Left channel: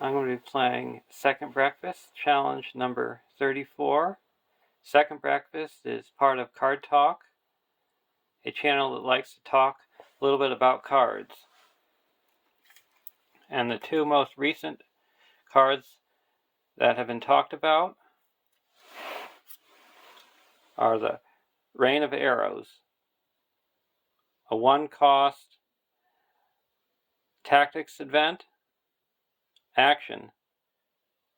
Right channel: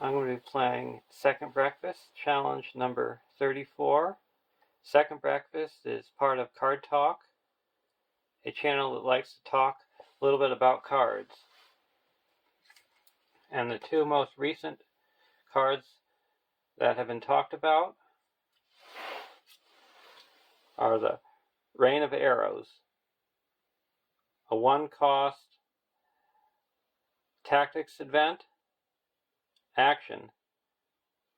I'm going to be playing Second Breakfast, challenge number 34. Second Breakfast is part of Card Talk, a channel that likes to talk a little bit about cards. And the two most recent cards that have been talked about are the Rain of Arrows, a one-cost tactics event. Action:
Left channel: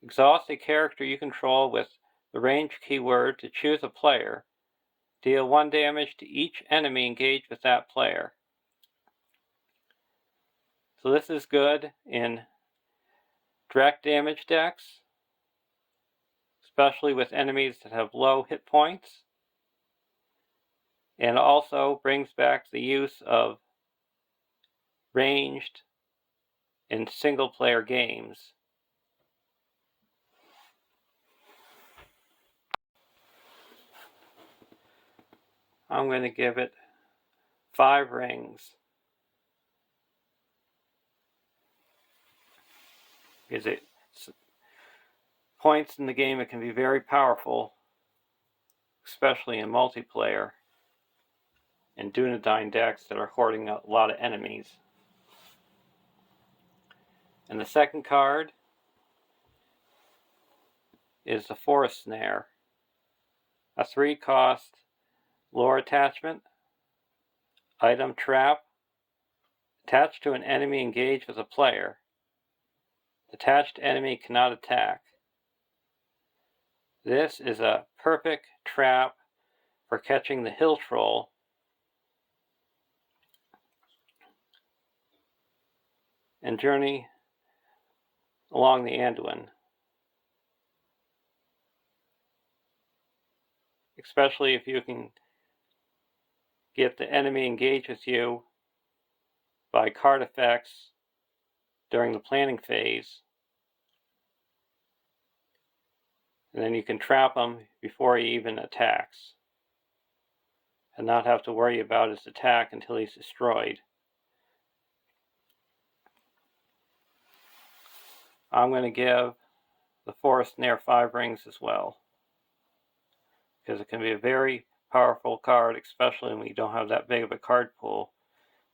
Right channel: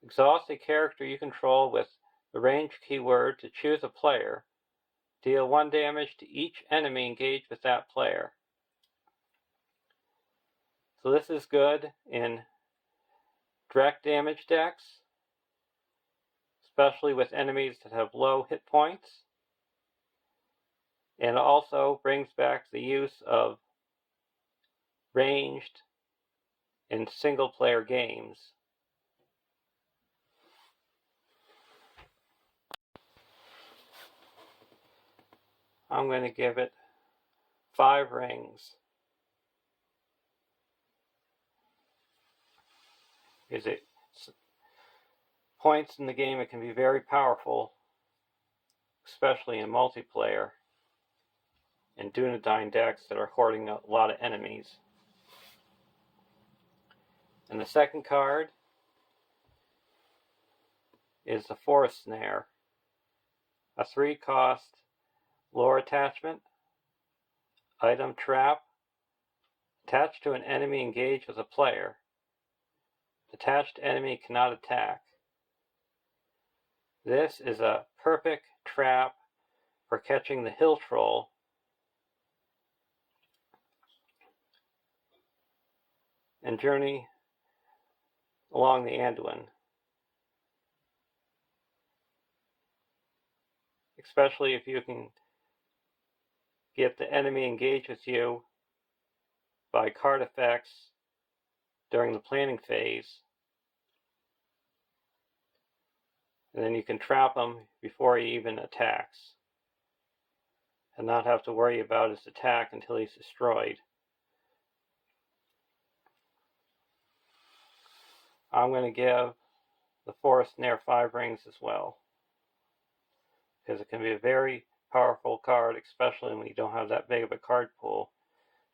exhaust a character you control with the range keyword to choose a player. Deal 1 damage to each enemy engaged with that player. So this is good in direct damage decks, especially with enemies that have low hit points, and also brings back the use of ranged in single player games. I'm going to give it 5 rings, because points in the game it can be very powerful, especially in multiplayer and Dunedain decks that are hoarding a lot of enemies. And the second card is the Forest Snare, a 3-cost lore attachment, item trap, attached to an enemy engaged with a player. Attached enemy cannot attack. This is a perfect trap for catching the hill troll and journey along the Anduin, especially if you can get the enemy engaged with you by card effects during the planning phase, and then you can trap him before he even attacks and not have to worry about his attack until he's destroyed. I'm going to give the Forest Snare 5 rings as well, because it can be a very powerful card, especially when you don't have that big of a card pool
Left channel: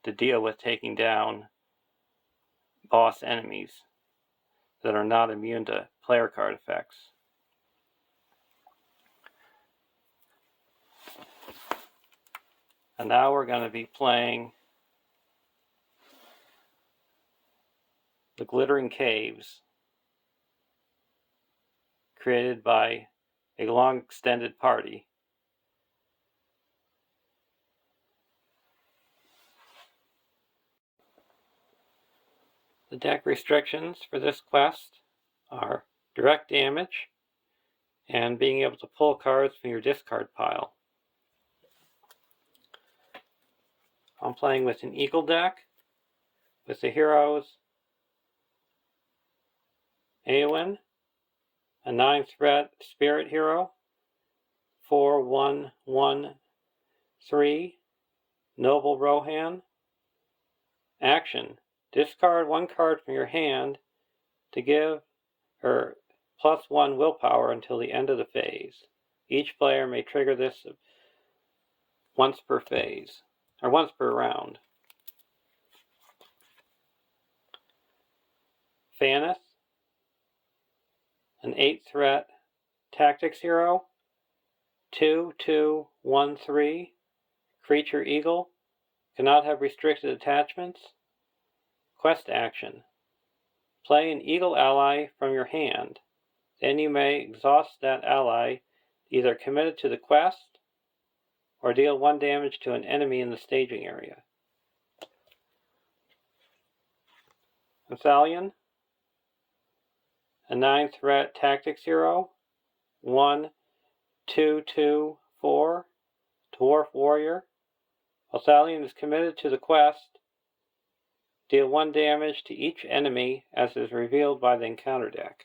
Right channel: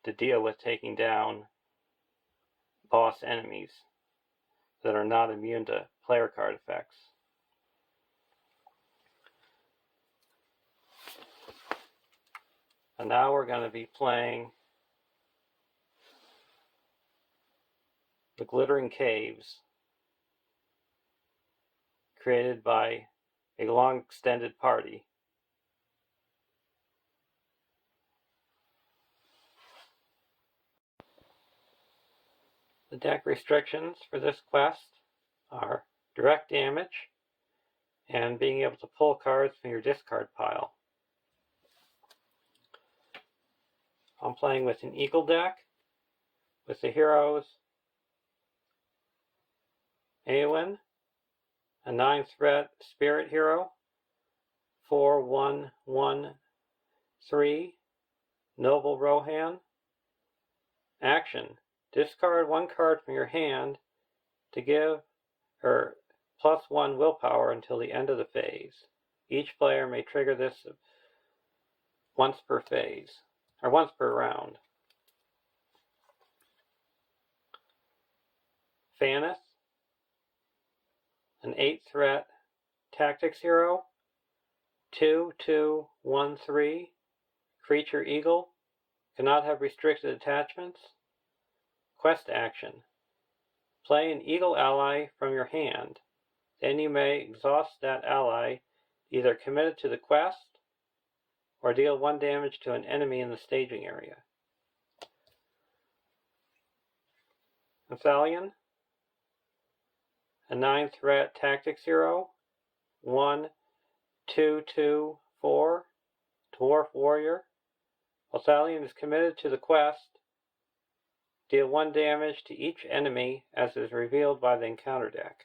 to deal with taking down boss enemies that are not immune to player card effects. And now we're going to be playing the Glittering Caves, created by a long extended party. The deck restrictions for this quest are direct damage and being able to pull cards from your discard pile. I'm playing with an Eagle deck with the heroes Eowyn, a 9-threat spirit hero, 4/1/1/3, Noble Rohan. Action: discard 1 card from your hand to give her +1 willpower until the end of the phase. Each player may trigger this once per phase, or once per round. Faneth, an 8-threat tactics hero, 2/2/1/3, creature eagle, cannot have restricted attachments. Quest action: play an eagle ally from your hand. Then you may exhaust that ally, either commit it to the quest or deal 1 damage to an enemy in the staging area. Thalion, a 9-threat tactics hero, 1/2/2/4, dwarf warrior. While Thalion is committed to the quest, deal 1 damage to each enemy as is revealed by the encounter deck.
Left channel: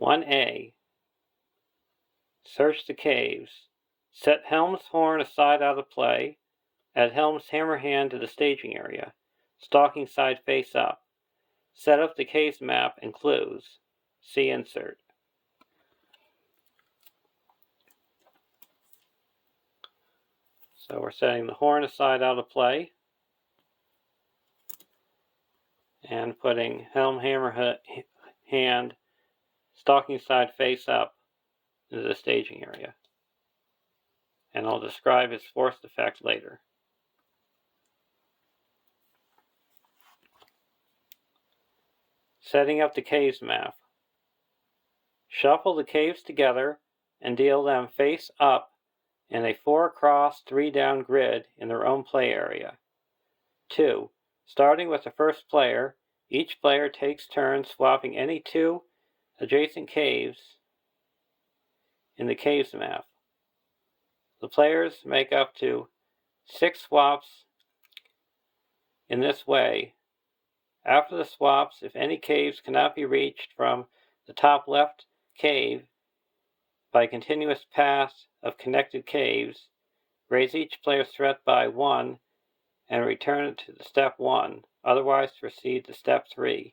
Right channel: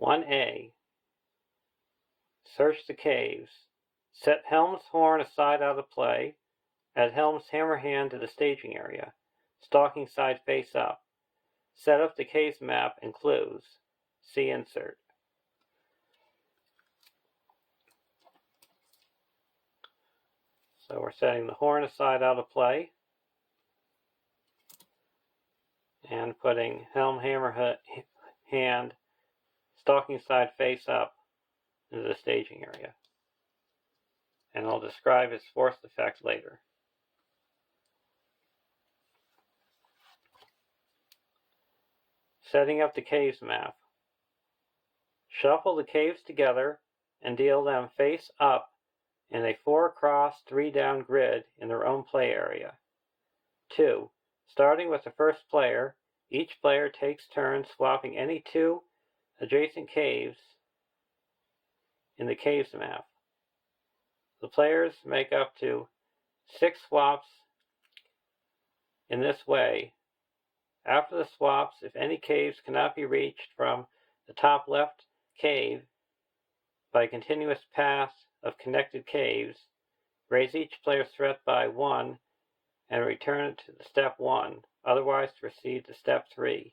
1A. Search the caves. Set Helm's Horn aside out of play. Add Helm's hammer hand to the staging area. Stalking side face up. Set up the caves map and clues. See insert. So we're setting the horn aside out of play and putting Helm hammer hand stalking side face up into the staging area. And I'll describe its forced effect later. Setting up the caves map. Shuffle the caves together and deal them face up in a 4 across 3 down grid in their own play area. 2. Starting with the first player, each player takes turns swapping any 2 adjacent caves in the caves map. The players make up to 6 swaps in this way. After the swaps, if any caves cannot be reached from the top left cave by a continuous path of connected caves, raise each player's threat by 1 and return it to step 1, otherwise proceed to step 3.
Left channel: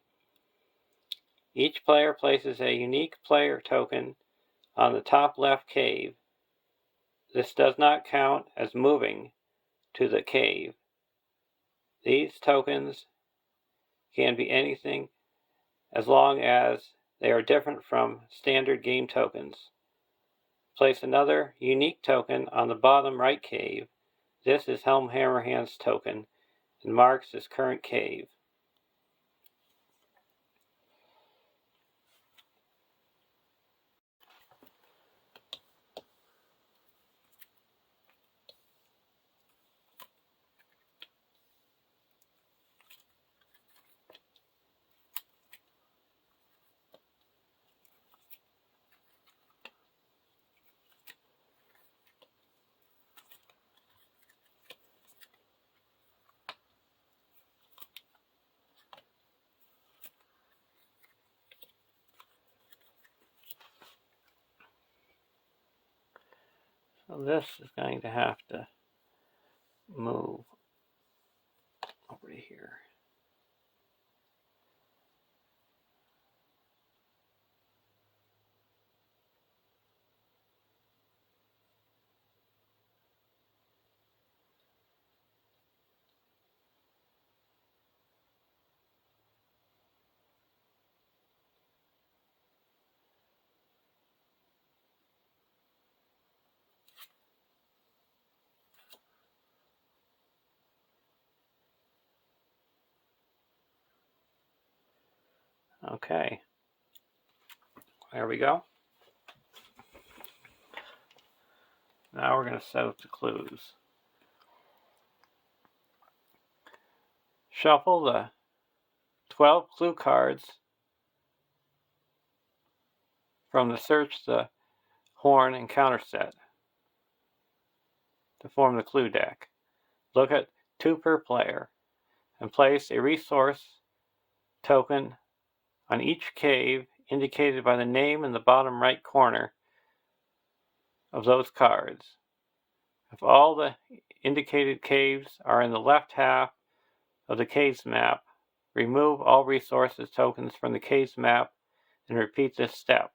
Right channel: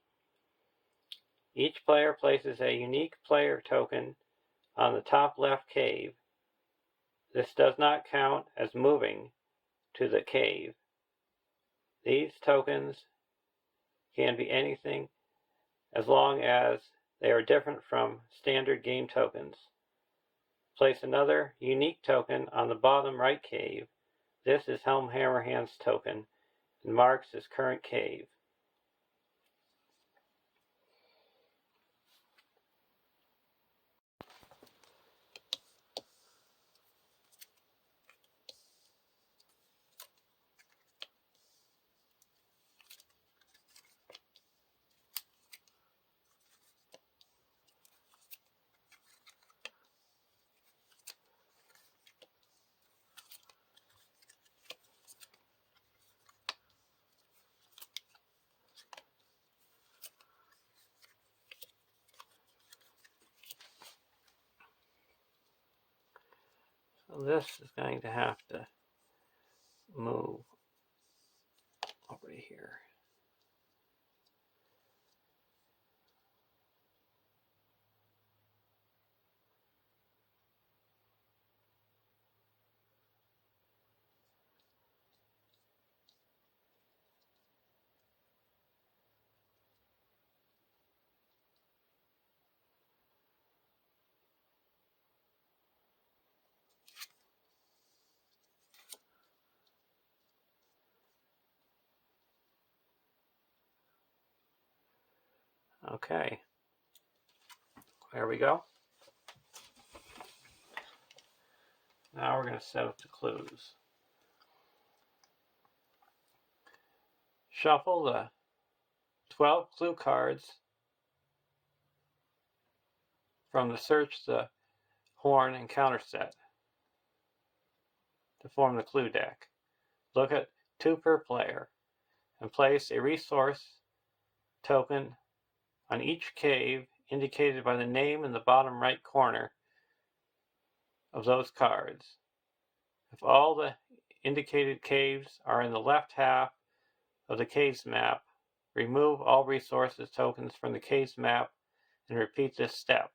Each player places a unique player token on the top left cave. This does not count as moving to the cave. These tokens can be anything as long as they are different from standard game tokens. Place another unique token on the bottom right cave. This is Helm Hammerhand's token and marks his current cave. So this is going to have to move over to here. Okay, there we go. Now we're going to set up the clues. Shuffle the 12 clue cards from the Search the Horn encounter set to form the clue deck. Look at 2 per player and place a resource token on each cave indicated by the name in the bottom right corner of those cards. If all the indicated caves are in the left half of the caves map, remove all resources tokens from the caves map and repeat this step.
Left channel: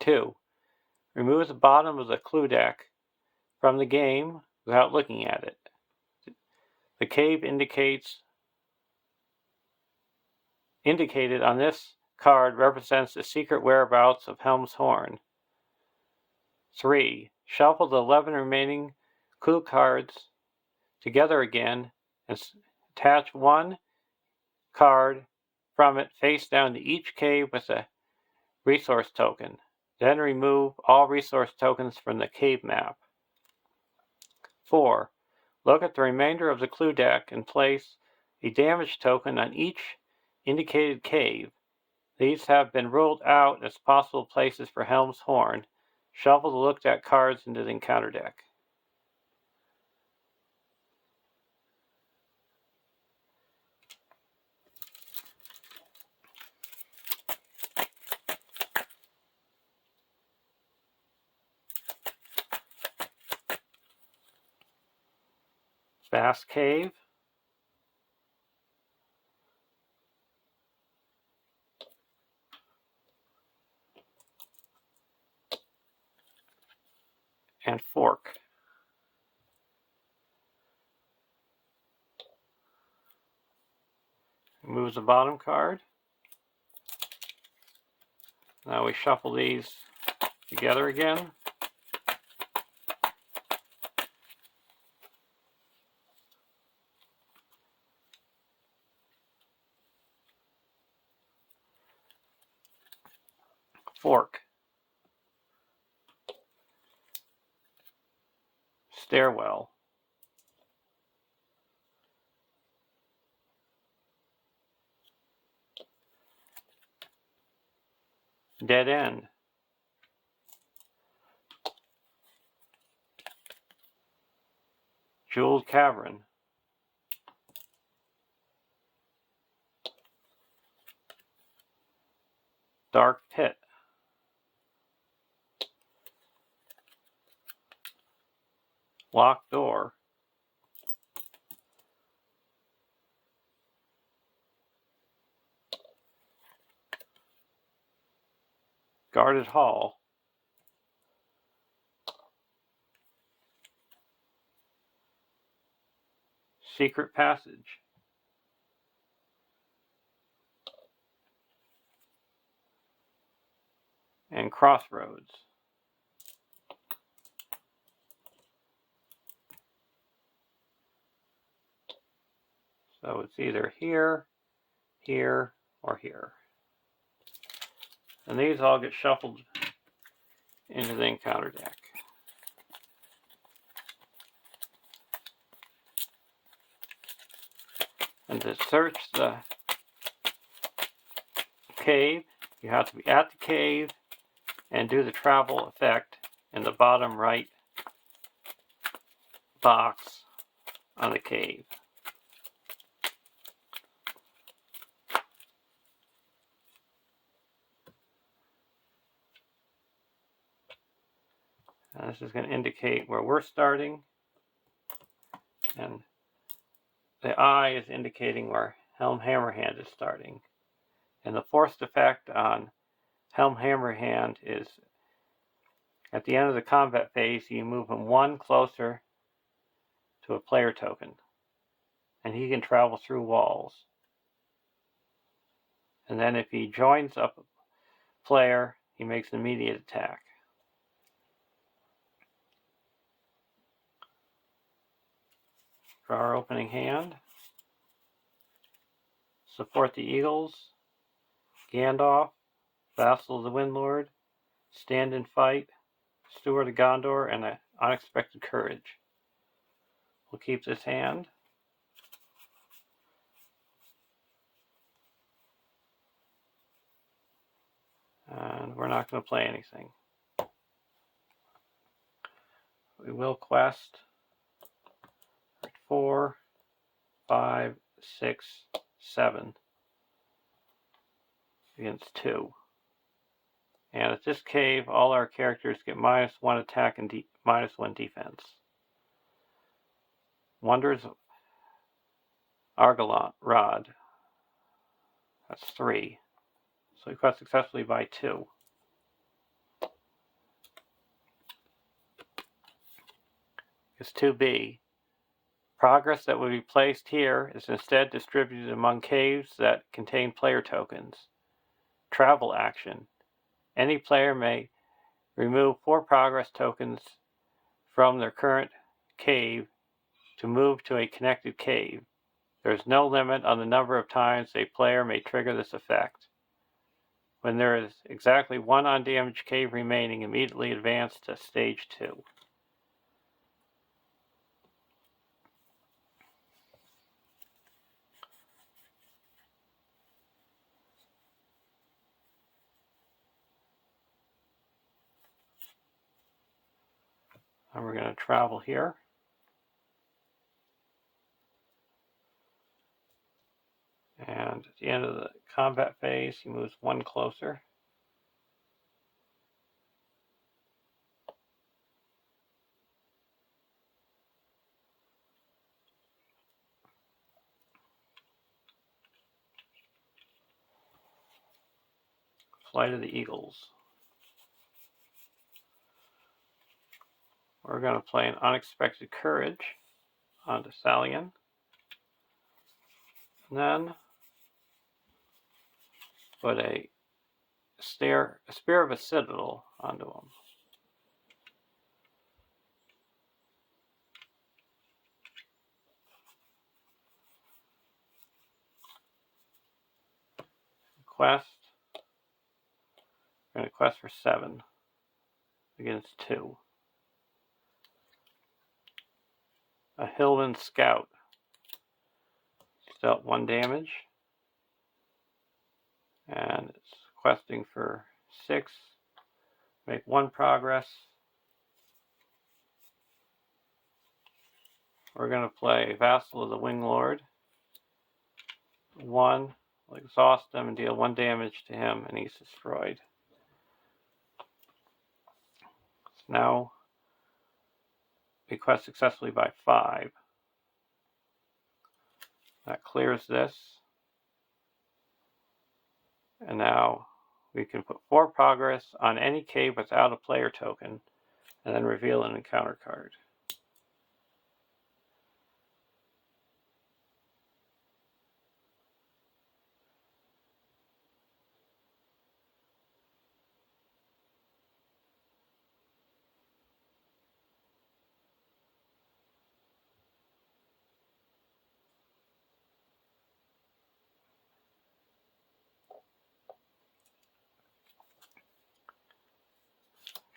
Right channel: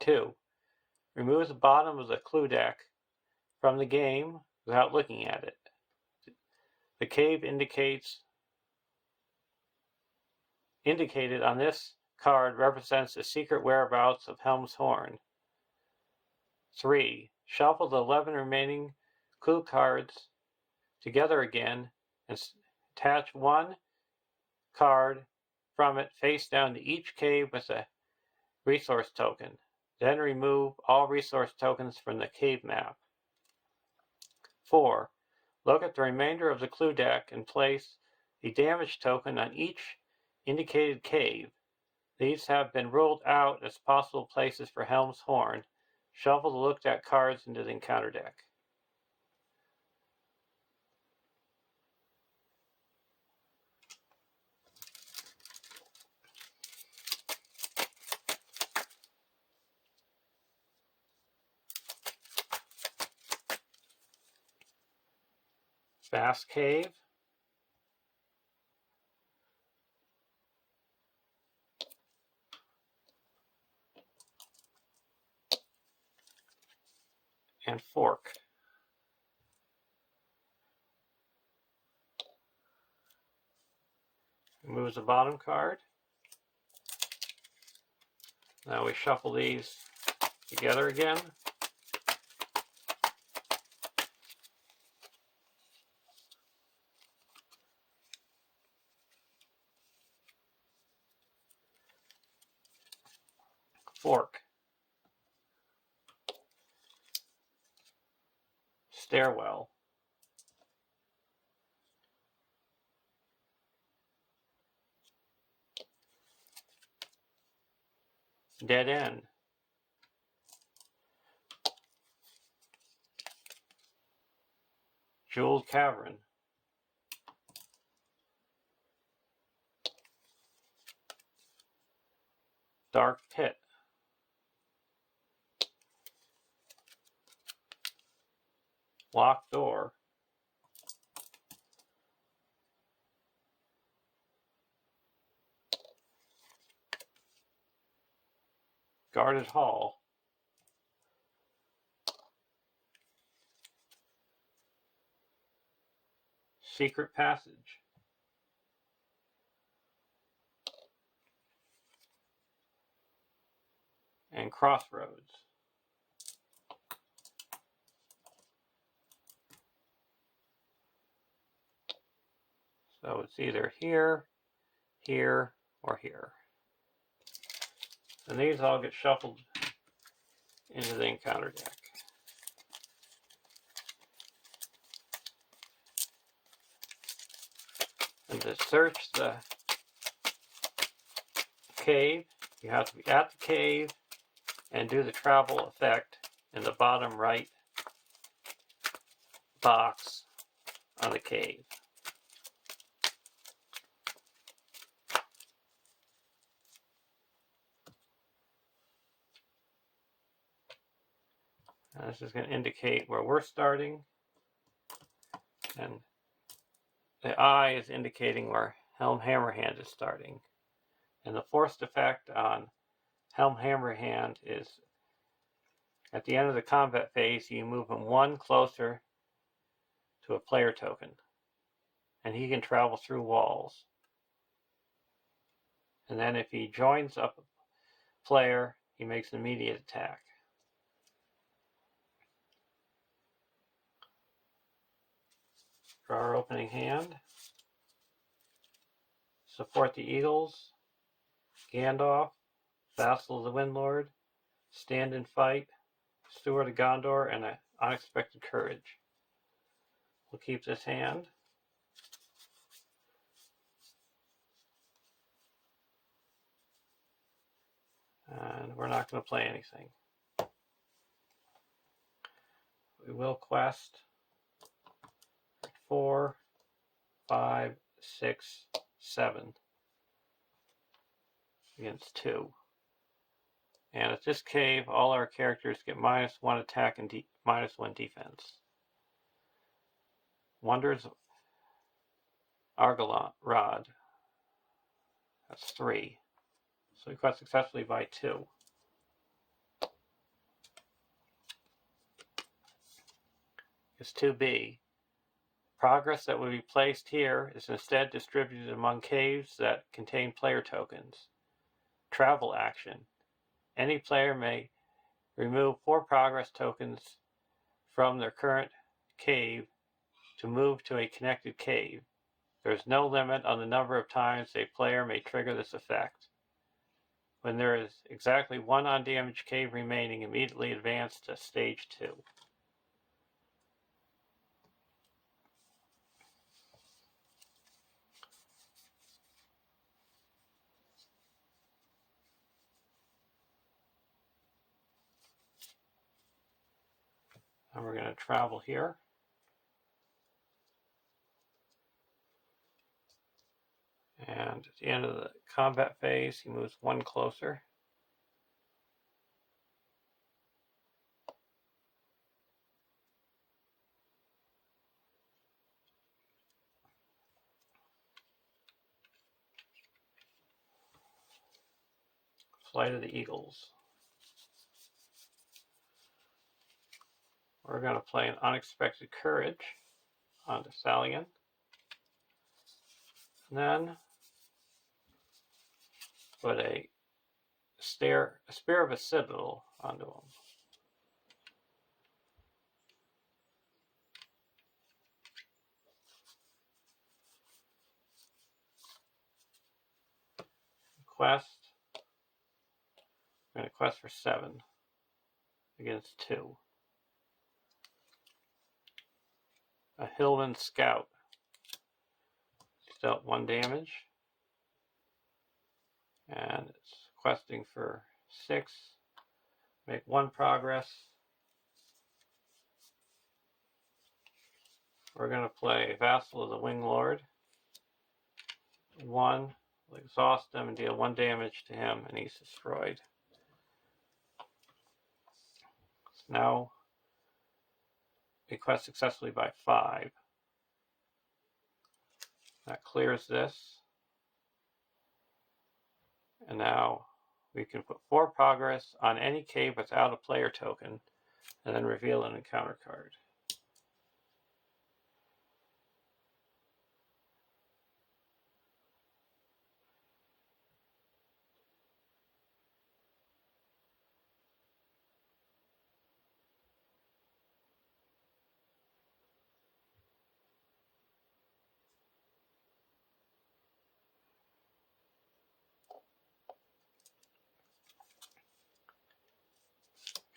2. Remove the bottom of the clue deck from the game without looking at it. The cave indicated on this card represents the secret whereabouts of Helm's Horn. 3. Shuffle the 11 remaining clue cards together again and attach 1 card from it face down to each cave with a resource token. Then remove all resource tokens from the cave map. 4. Look at the remainder of the clue deck and place a damage token on each indicated cave. These have been ruled out as possible places for Helm's Horn. Shuffle the looked at cards into the encounter deck. fast cave, and fork. Moves the bottom card. Now we shuffle these together again. Fork. Stairwell. Dead end. Jeweled cavern. Dark pit. Locked door. Guarded hall. Secret passage. And crossroads. So it's either here, here, or here. And these all get shuffled into the encounter deck. And to search the cave, you have to be at the cave and do the travel effect in the bottom right box on the cave. And this is going to indicate where we're starting, and the eye is indicating where Helm Hammerhand is starting. And the forced effect on Helm Hammerhand is at the end of the combat phase, you move him one closer to a player token, and he can travel through walls. And then if he joins up a player, he makes an immediate attack. Draw our opening hand. Support the Eagles, Gandalf, Vassal of the Windlord, Stand and Fight, Steward of Gondor, and Unexpected Courage. We'll keep this hand. And we're not going to play anything. We will quest 4, 5, 6, 7 against 2. And at this cave, all our characters get -1 attack and -1 defense. Wonders of Argalon Rod. That's 3. So we quest successfully by 2. It's 2B. Progress that would be placed here is instead distributed among caves that contain player tokens. Travel action. Any player may remove 4 progress tokens from their current cave to move to a connected cave. There is no limit on the number of times a player may trigger this effect. When there is exactly 1 undamaged cave remaining, immediately advance to stage 2. And we're going to travel here. And at the end of the combat phase, he moves 1 closer. Flight of the Eagles. We're going to play an Unexpected Courage onto Stallion. And then put a Spear of a Citadel onto him. Quest. We're going to quest for 7 against 2. A Hillman Scout. It's dealt 1 damage. And it's questing for 6. Make 1 progress. We're going to play Vassal of the Wing Lord. 1. We'll exhaust him and deal 1 damage to him, and he's destroyed. So now we quest successfully by 5. That clears this. And now we can put 4 progress on any cave without a player token, and then reveal an encounter card.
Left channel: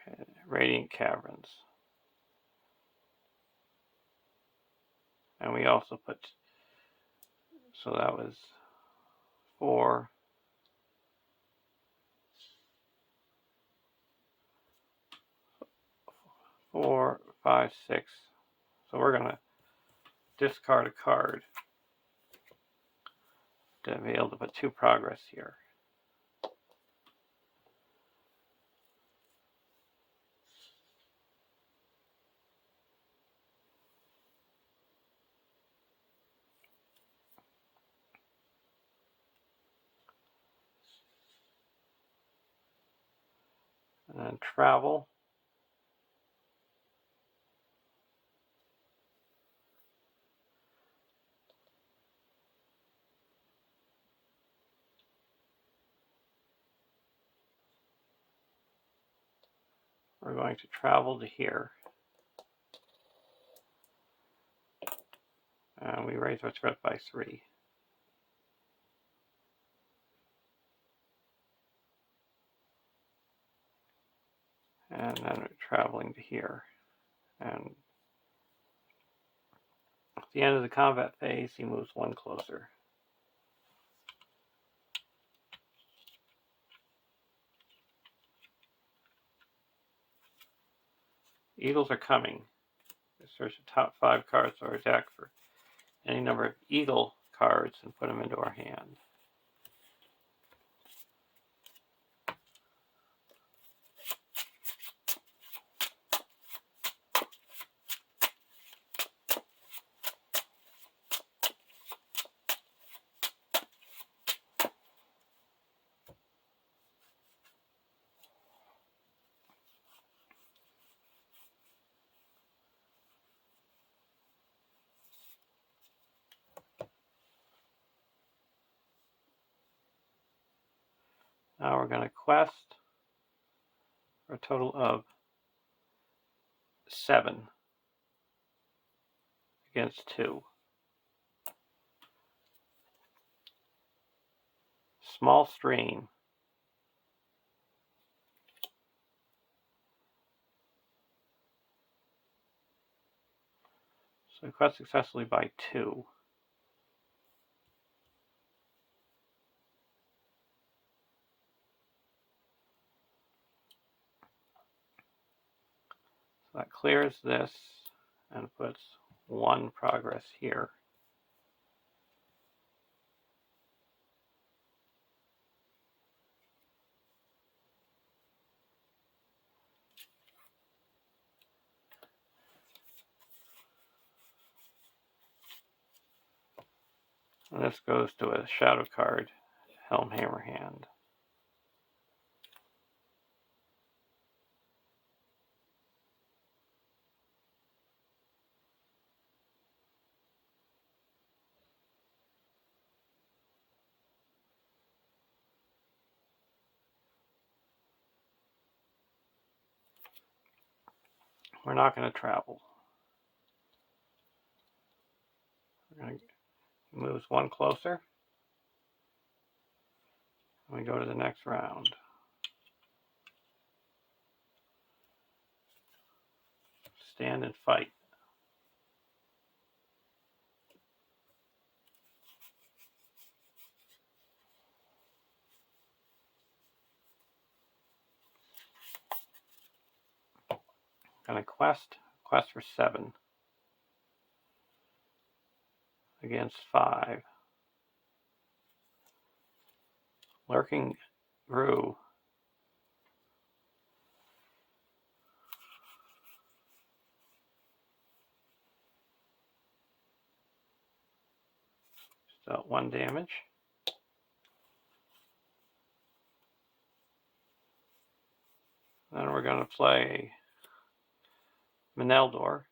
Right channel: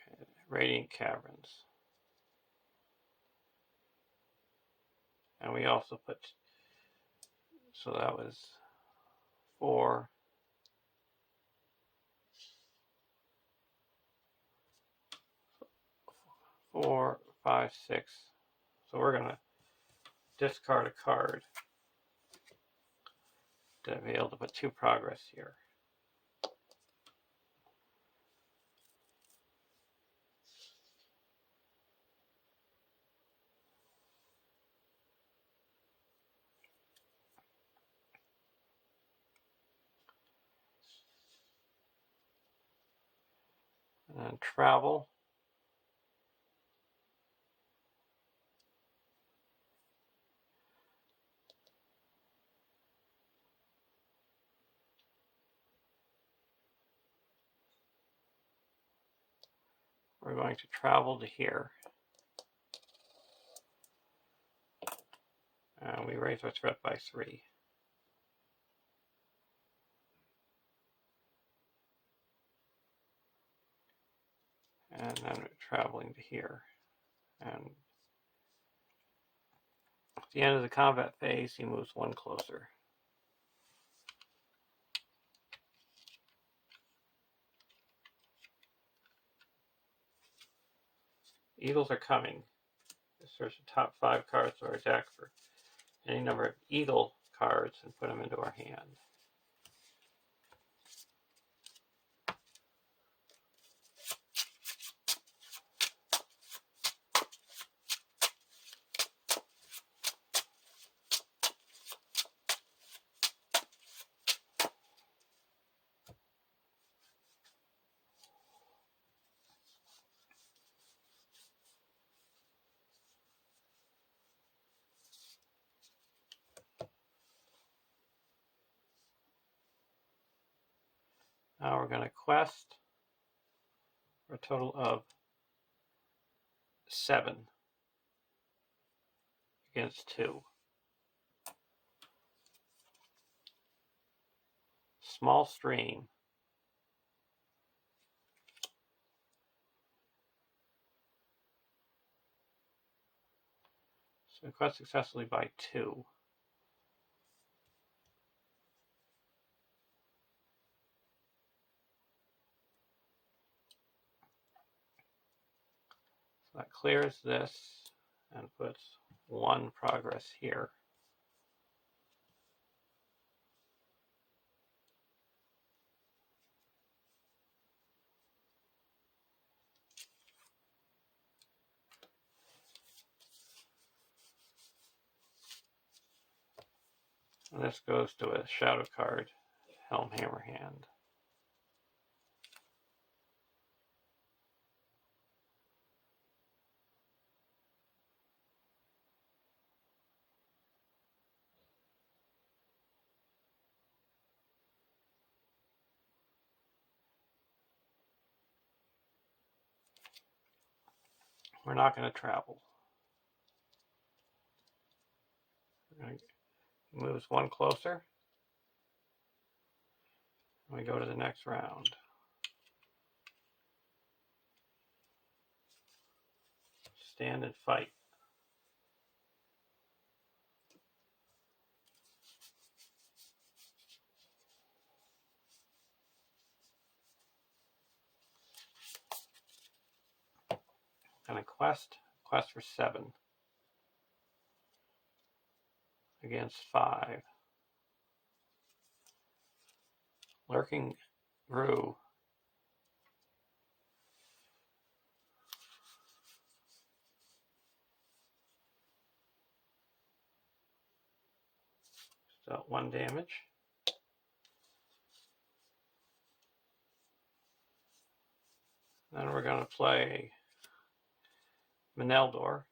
Okay, Radiant Caverns. And we also put, so that was 4. 4, 5, 6. So we're going to discard a card to be able to put 2 progress here. And then travel. We're going to travel to here. And we raise our threat by 3. And then we're traveling to here. And at the end of the combat phase, he moves 1 closer. Eagles are coming. Search the top 5 cards of our deck for any number of eagle cards and put them into our hand. Now we're going to quest for a total of 7 against 2. Small Stream. So we quest successfully by 2. So that clears this and puts 1 progress here. And this goes to a shadow card, Helm Hammerhand. We're not going to travel. We're going to move one closer. And we go to the next round. Stand and fight. And a quest for 7 against 5. Lurking Brew. Dealt 1 damage. Then we're going to play Meneldor.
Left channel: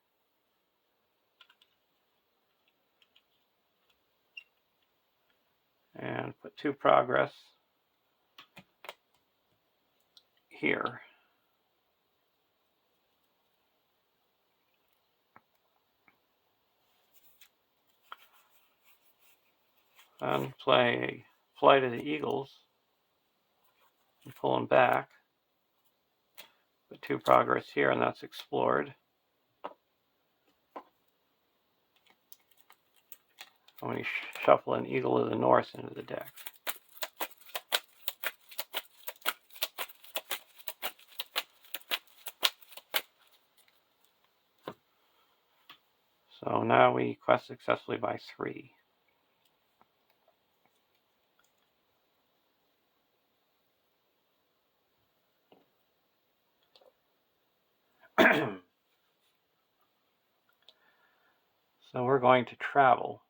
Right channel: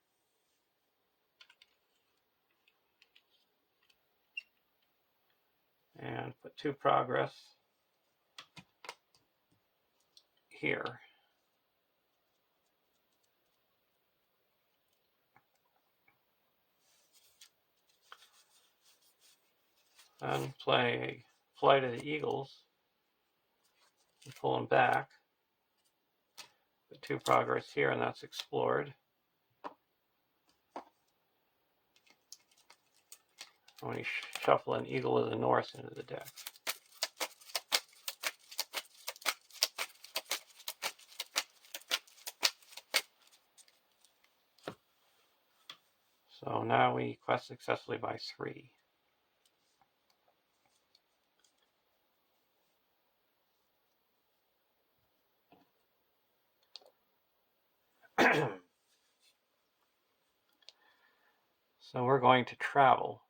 And put 2 progress here. Then play Flight of the Eagles and pull them back. Put 2 progress here, and that's explored. And we shuffle an Eagle of the North into the deck. So now we quest successfully by 3. So we're going to travel.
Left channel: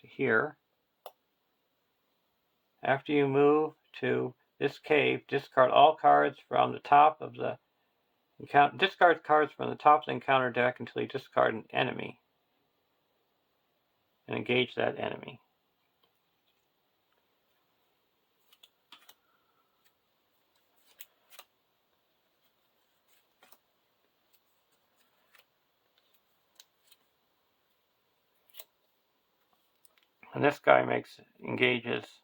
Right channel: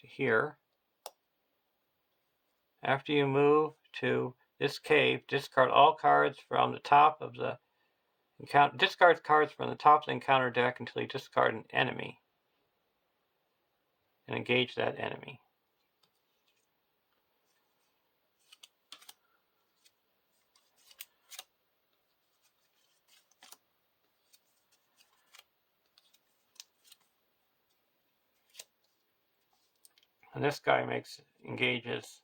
To here. After you move to this cave, discard all cards from the top of the encounter. Discard cards from the top of the encounter deck until you discard an enemy and engage that enemy. And this guy engages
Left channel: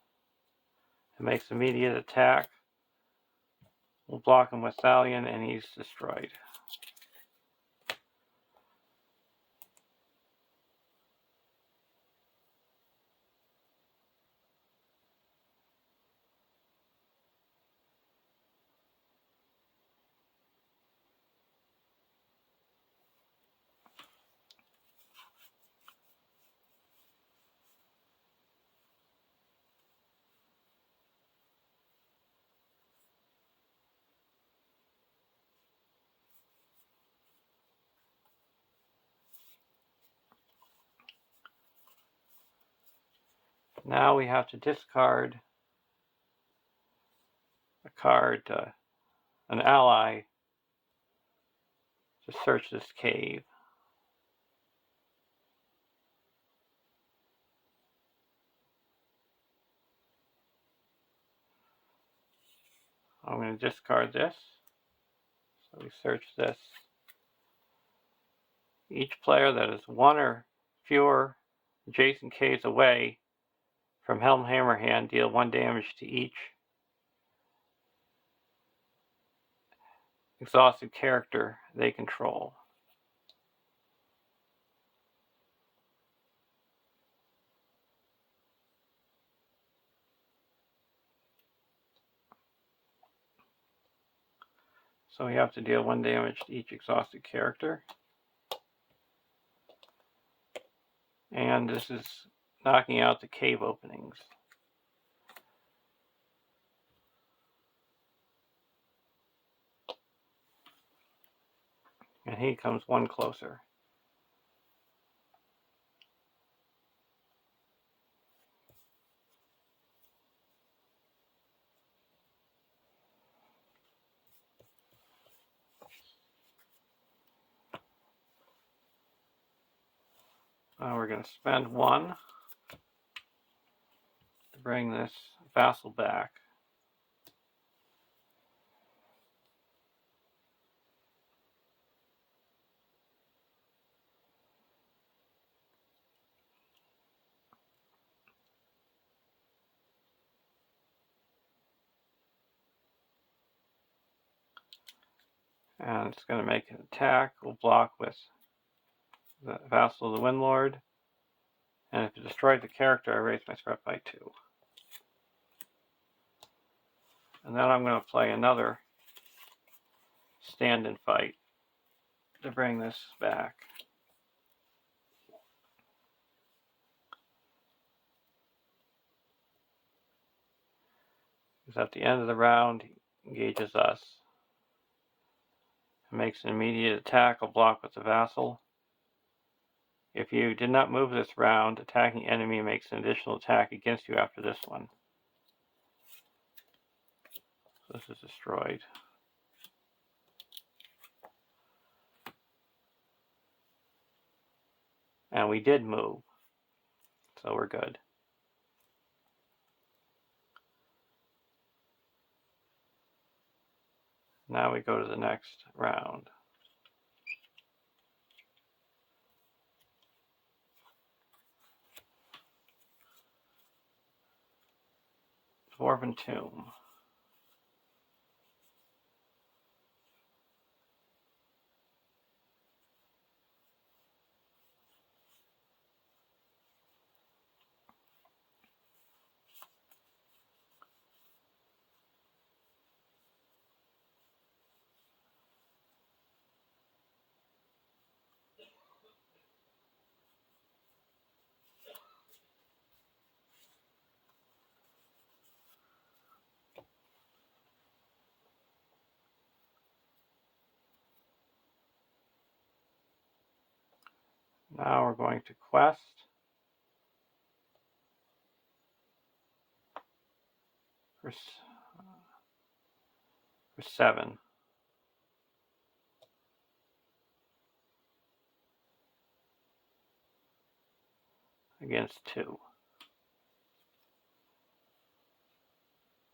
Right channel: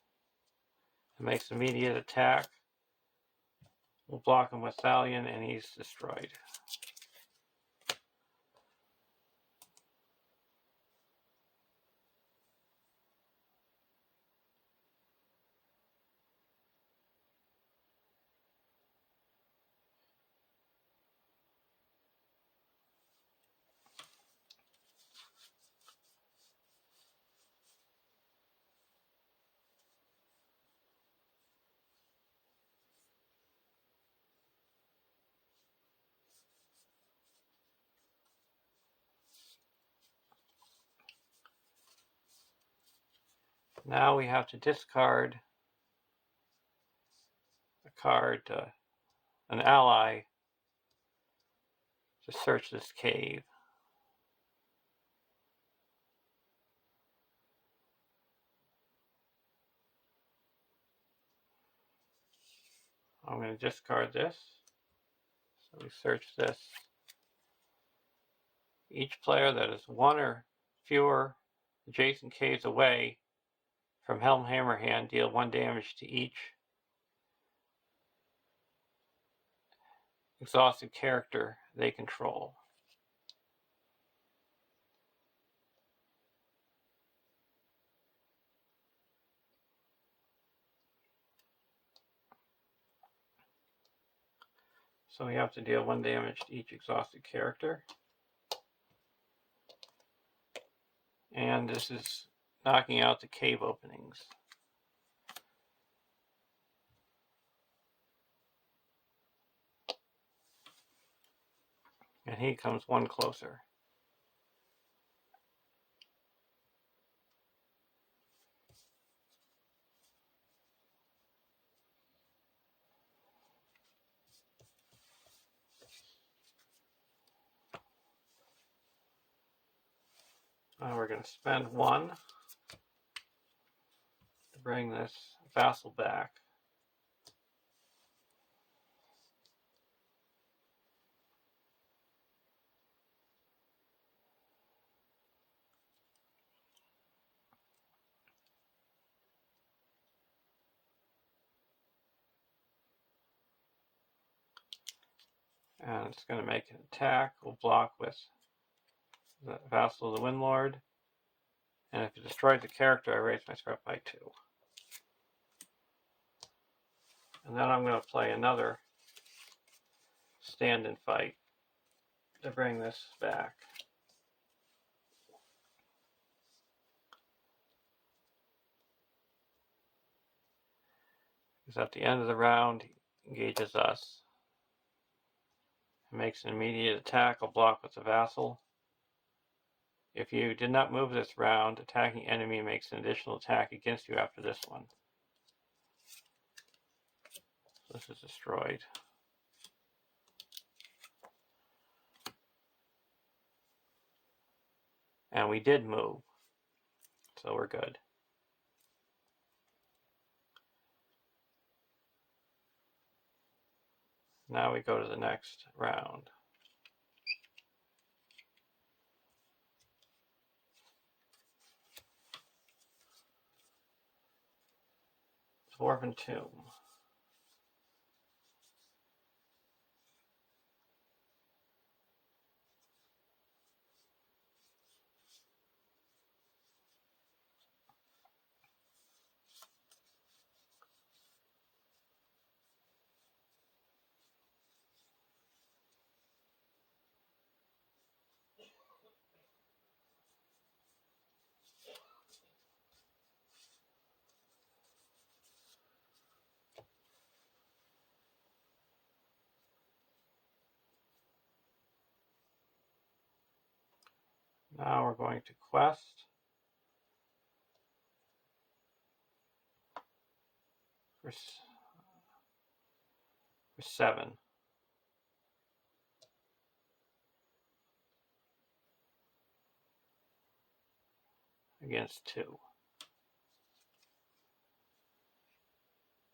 and makes immediate attack. We'll block him with Thalion, and he's destroyed. Now we have to discard a card, an ally, to search this cave. I'm going to discard this. So we search this. Each player that is 1 or fewer adjacent caves away from Helmhammer hand deal 1 damage to each exhausted character they control. So we have to deal 1 damage to each exhausted character. And this is knocking out the cave openings. And he comes 1 closer. Now we're going to spend 1 to bring this vassal back. And it's going to make an attack. We'll block with the Vassal of the Windlord. And if it destroys the character, I raise my threat by 2. And then I'm going to play another stand and fight to bring this back. Because at the end of the round, he engages us. It makes an immediate attack. I'll block with the Vassal. If you did not move this round, attacking enemy makes an additional attack against you after this one. So this is destroyed. And we did move, so we're good. Now we go to the next round. Dwarven Tomb. Now we're going to quest. For 7. Against 2.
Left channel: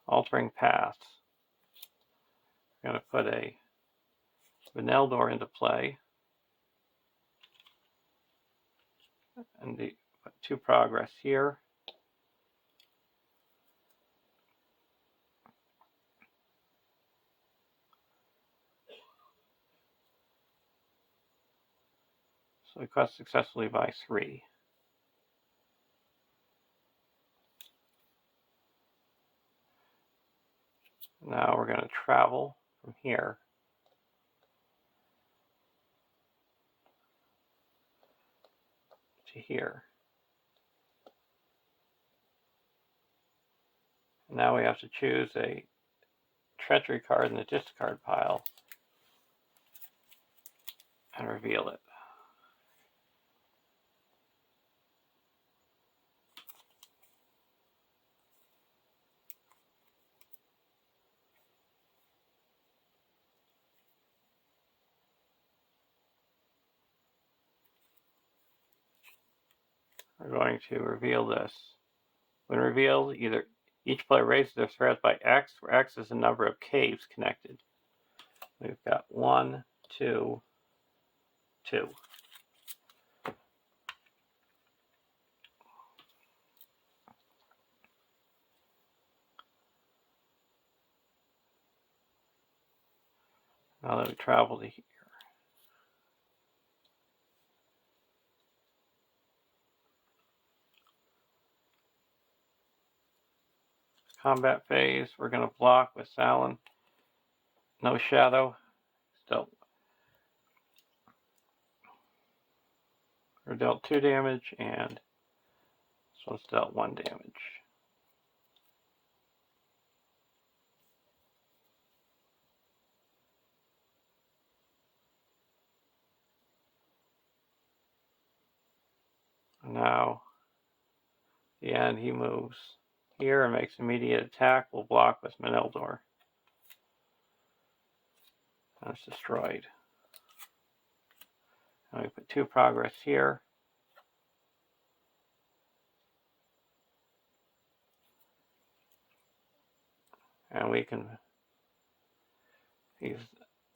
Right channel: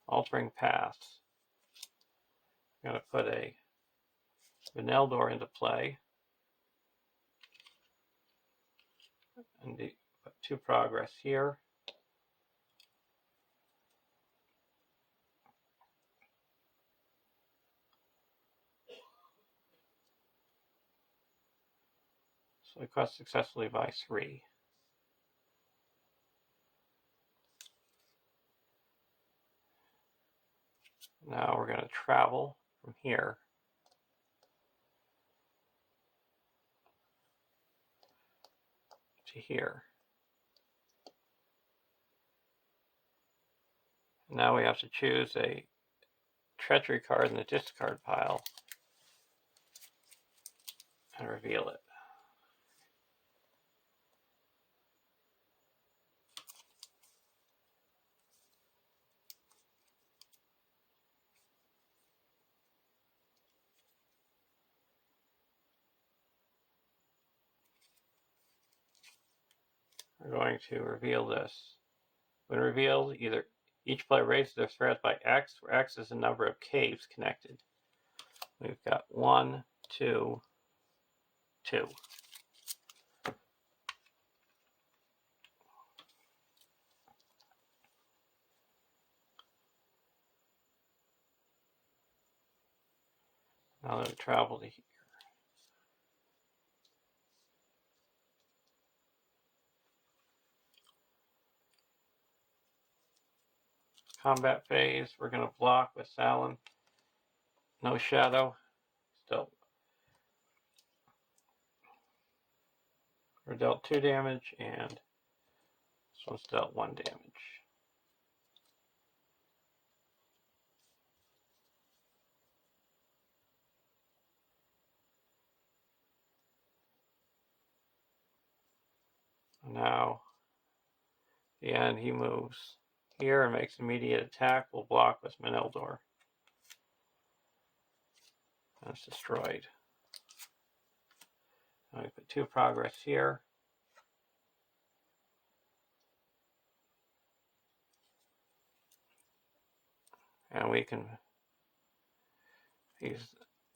Altering paths. We're going to put a Vanildor into play. And put 2 progress here. So we quest successfully by 3. Now we're going to travel from here to here. Now we have to choose a treachery card in the discard pile and reveal it. We're going to reveal this. When revealed, each player raises their threat by X, where X is the number of caves connected. We've got 1, 2, 2. Now that we travel to here. Combat phase, we're going to block with Salin. No shadow. Still. We're dealt 2 damage, and this one's dealt 1 damage. And now, at the end, he moves here and makes immediate attack. We'll block with Vanildor. That's destroyed. And we put 2 progress here. And we can, he's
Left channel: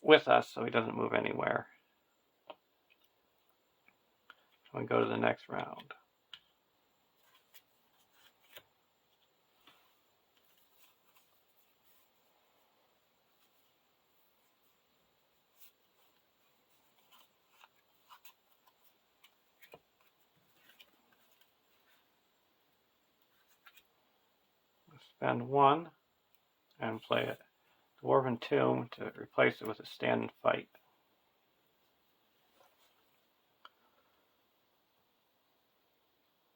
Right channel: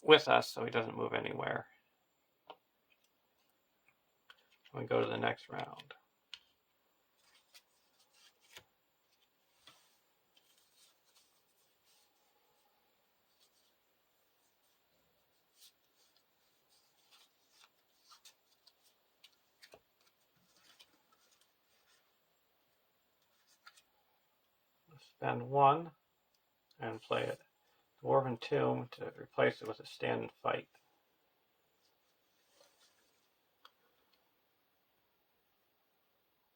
with us so he doesn't move anywhere. So we go to the next round. Spend 1 and play it. Dwarven Tomb to replace it with a stand and fight.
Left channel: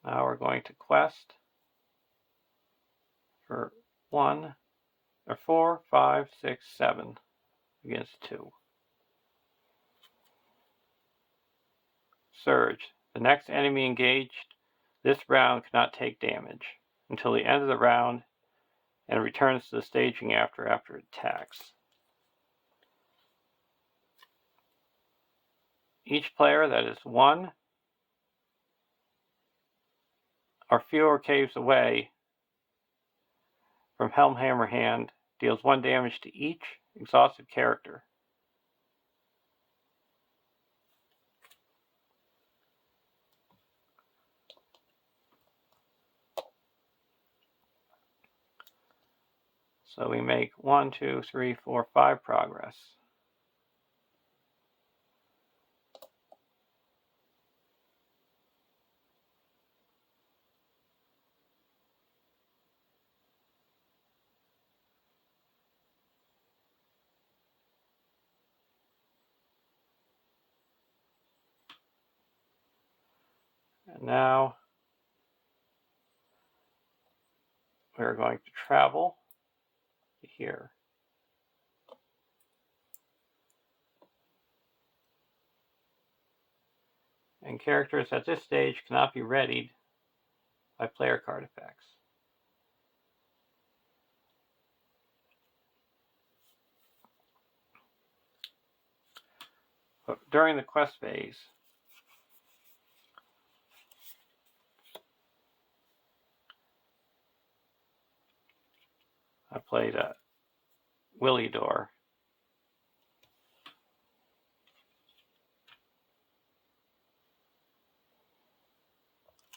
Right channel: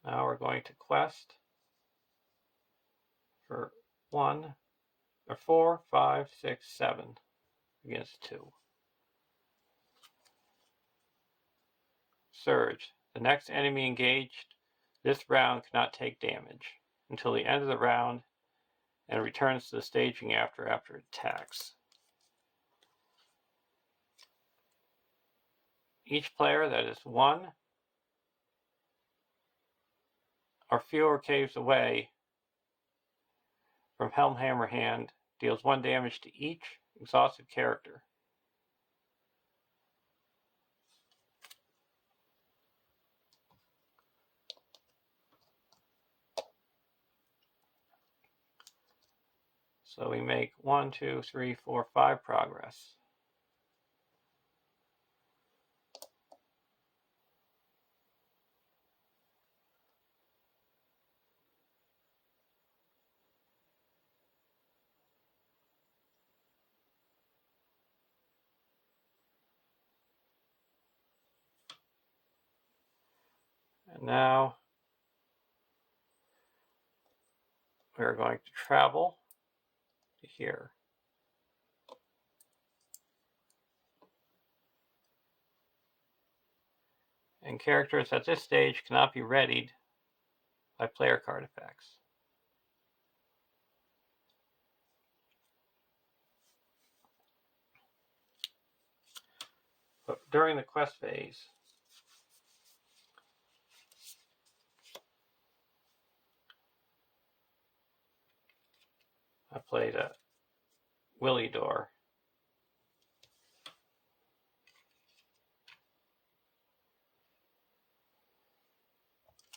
Now we're going to quest for 1 or 4, 5, 6, 7 against 2. Surge. The next enemy engaged this round cannot take damage until the end of the round and returns to the staging after it attacks. Each player that is 1 or fewer caves away from Helmhammer hand deals 1 damage to each exhausted character. So we make 1, 2, 3, 4, 5 progress. And now we're going to travel to here. And characters at this stage cannot be readied by player card effects. But during the quest phase, I played a Willy Door.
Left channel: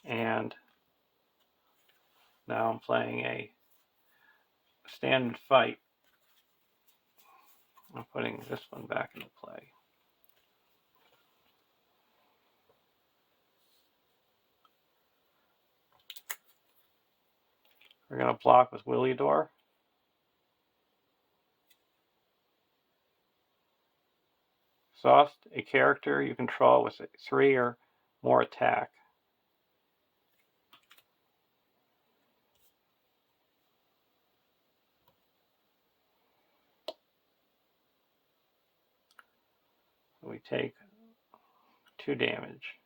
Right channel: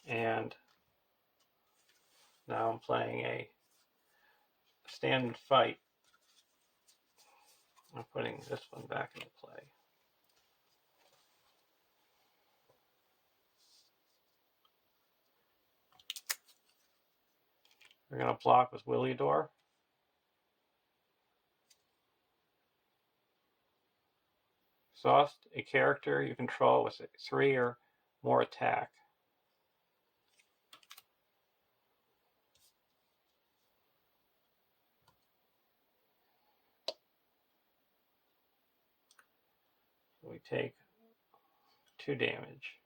And now I'm playing a stand and fight. I'm putting this one back into play. We're going to block with Willy Door. Exhaust a character you control with a 3 or more attack. So we take 2 damage.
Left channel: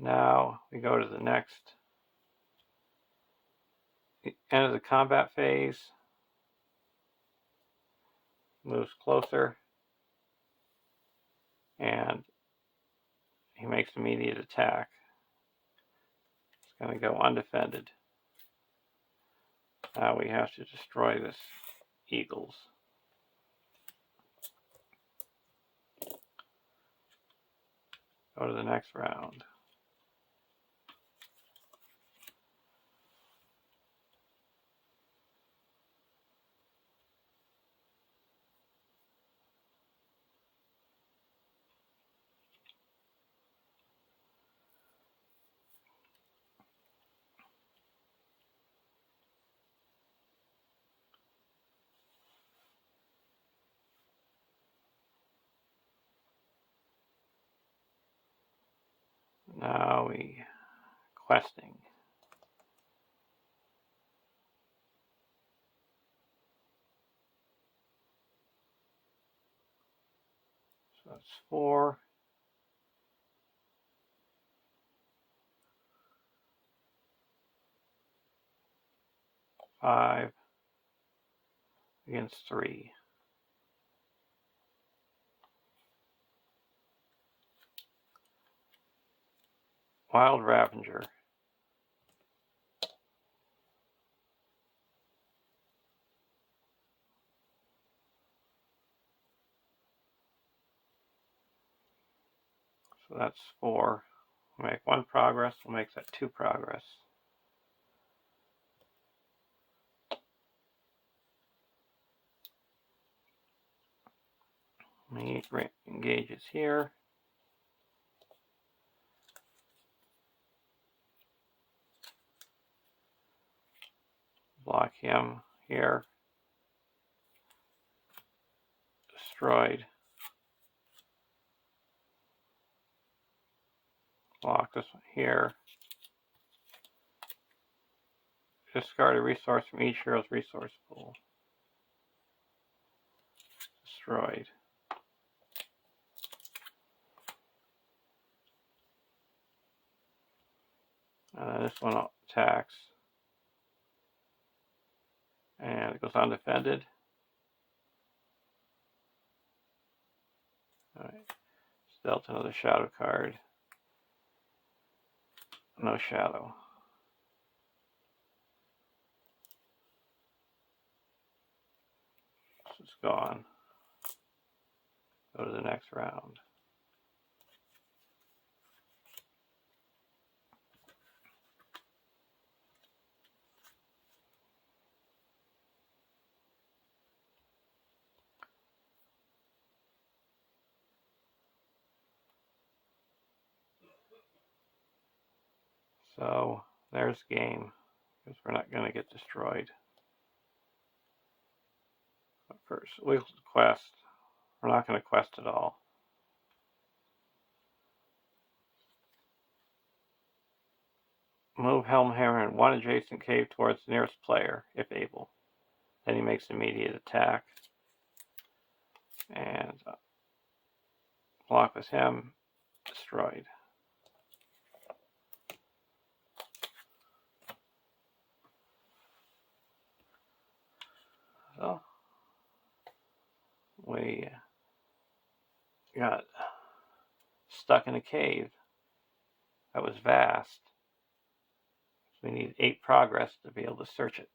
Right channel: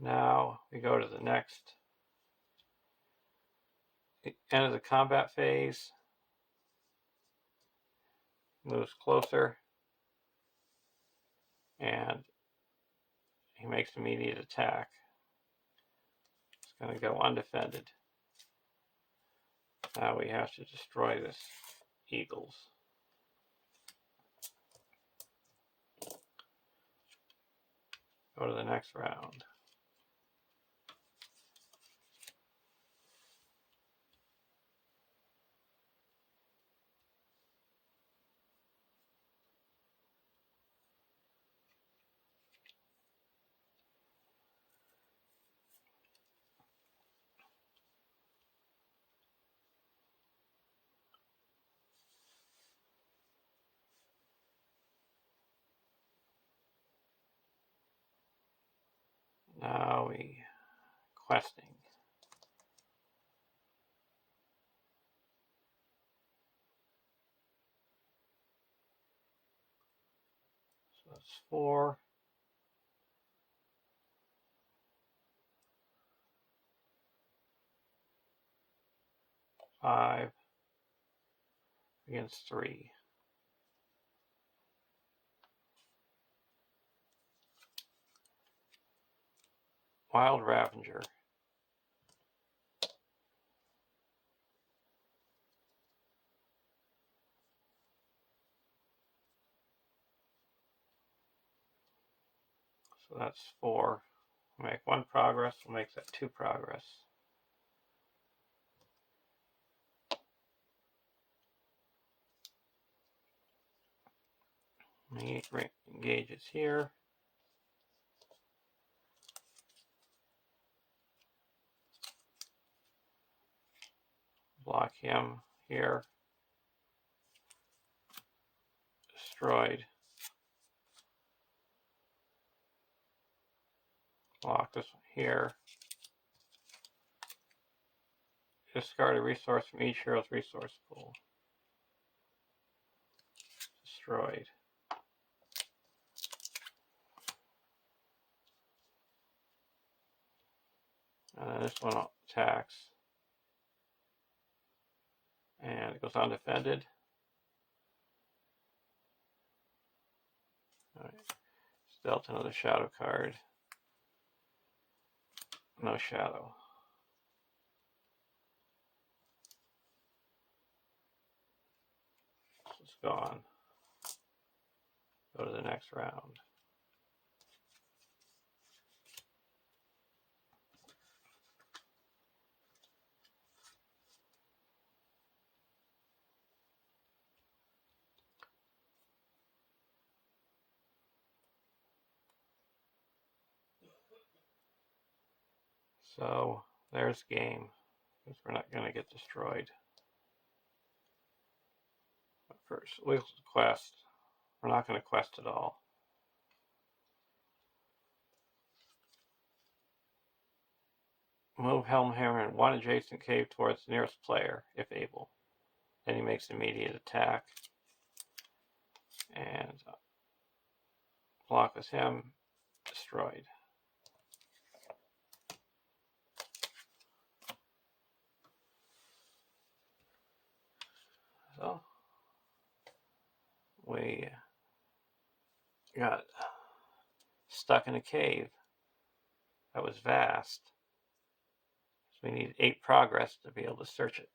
Now we go to the next end of the combat phase. Moves closer. And he makes immediate attack. It's going to go undefended. Now we have to destroy this Eagles. Go to the next round. Now we questing. So that's 4. 5 against 3. Wild Ravager. So that's 4. We'll make 1 progress. We'll make that 2 progress. He engages here. Block him here. Destroyed. Block this one here. Discard a resource from each hero's resource pool. Destroyed. This one attacks. And it goes undefended. Alright. It's dealt another shadow card. No shadow. So it's gone. Go to the next round. So there's game, because we're not going to get destroyed. First, we'll quest. We're not going to quest at all. Move Helmhammer in 1 adjacent cave towards the nearest player, if able. Then he makes an immediate attack. And block with him. Destroyed. So we got stuck in a cave that was vast. So we need 8 progress to be able to search it.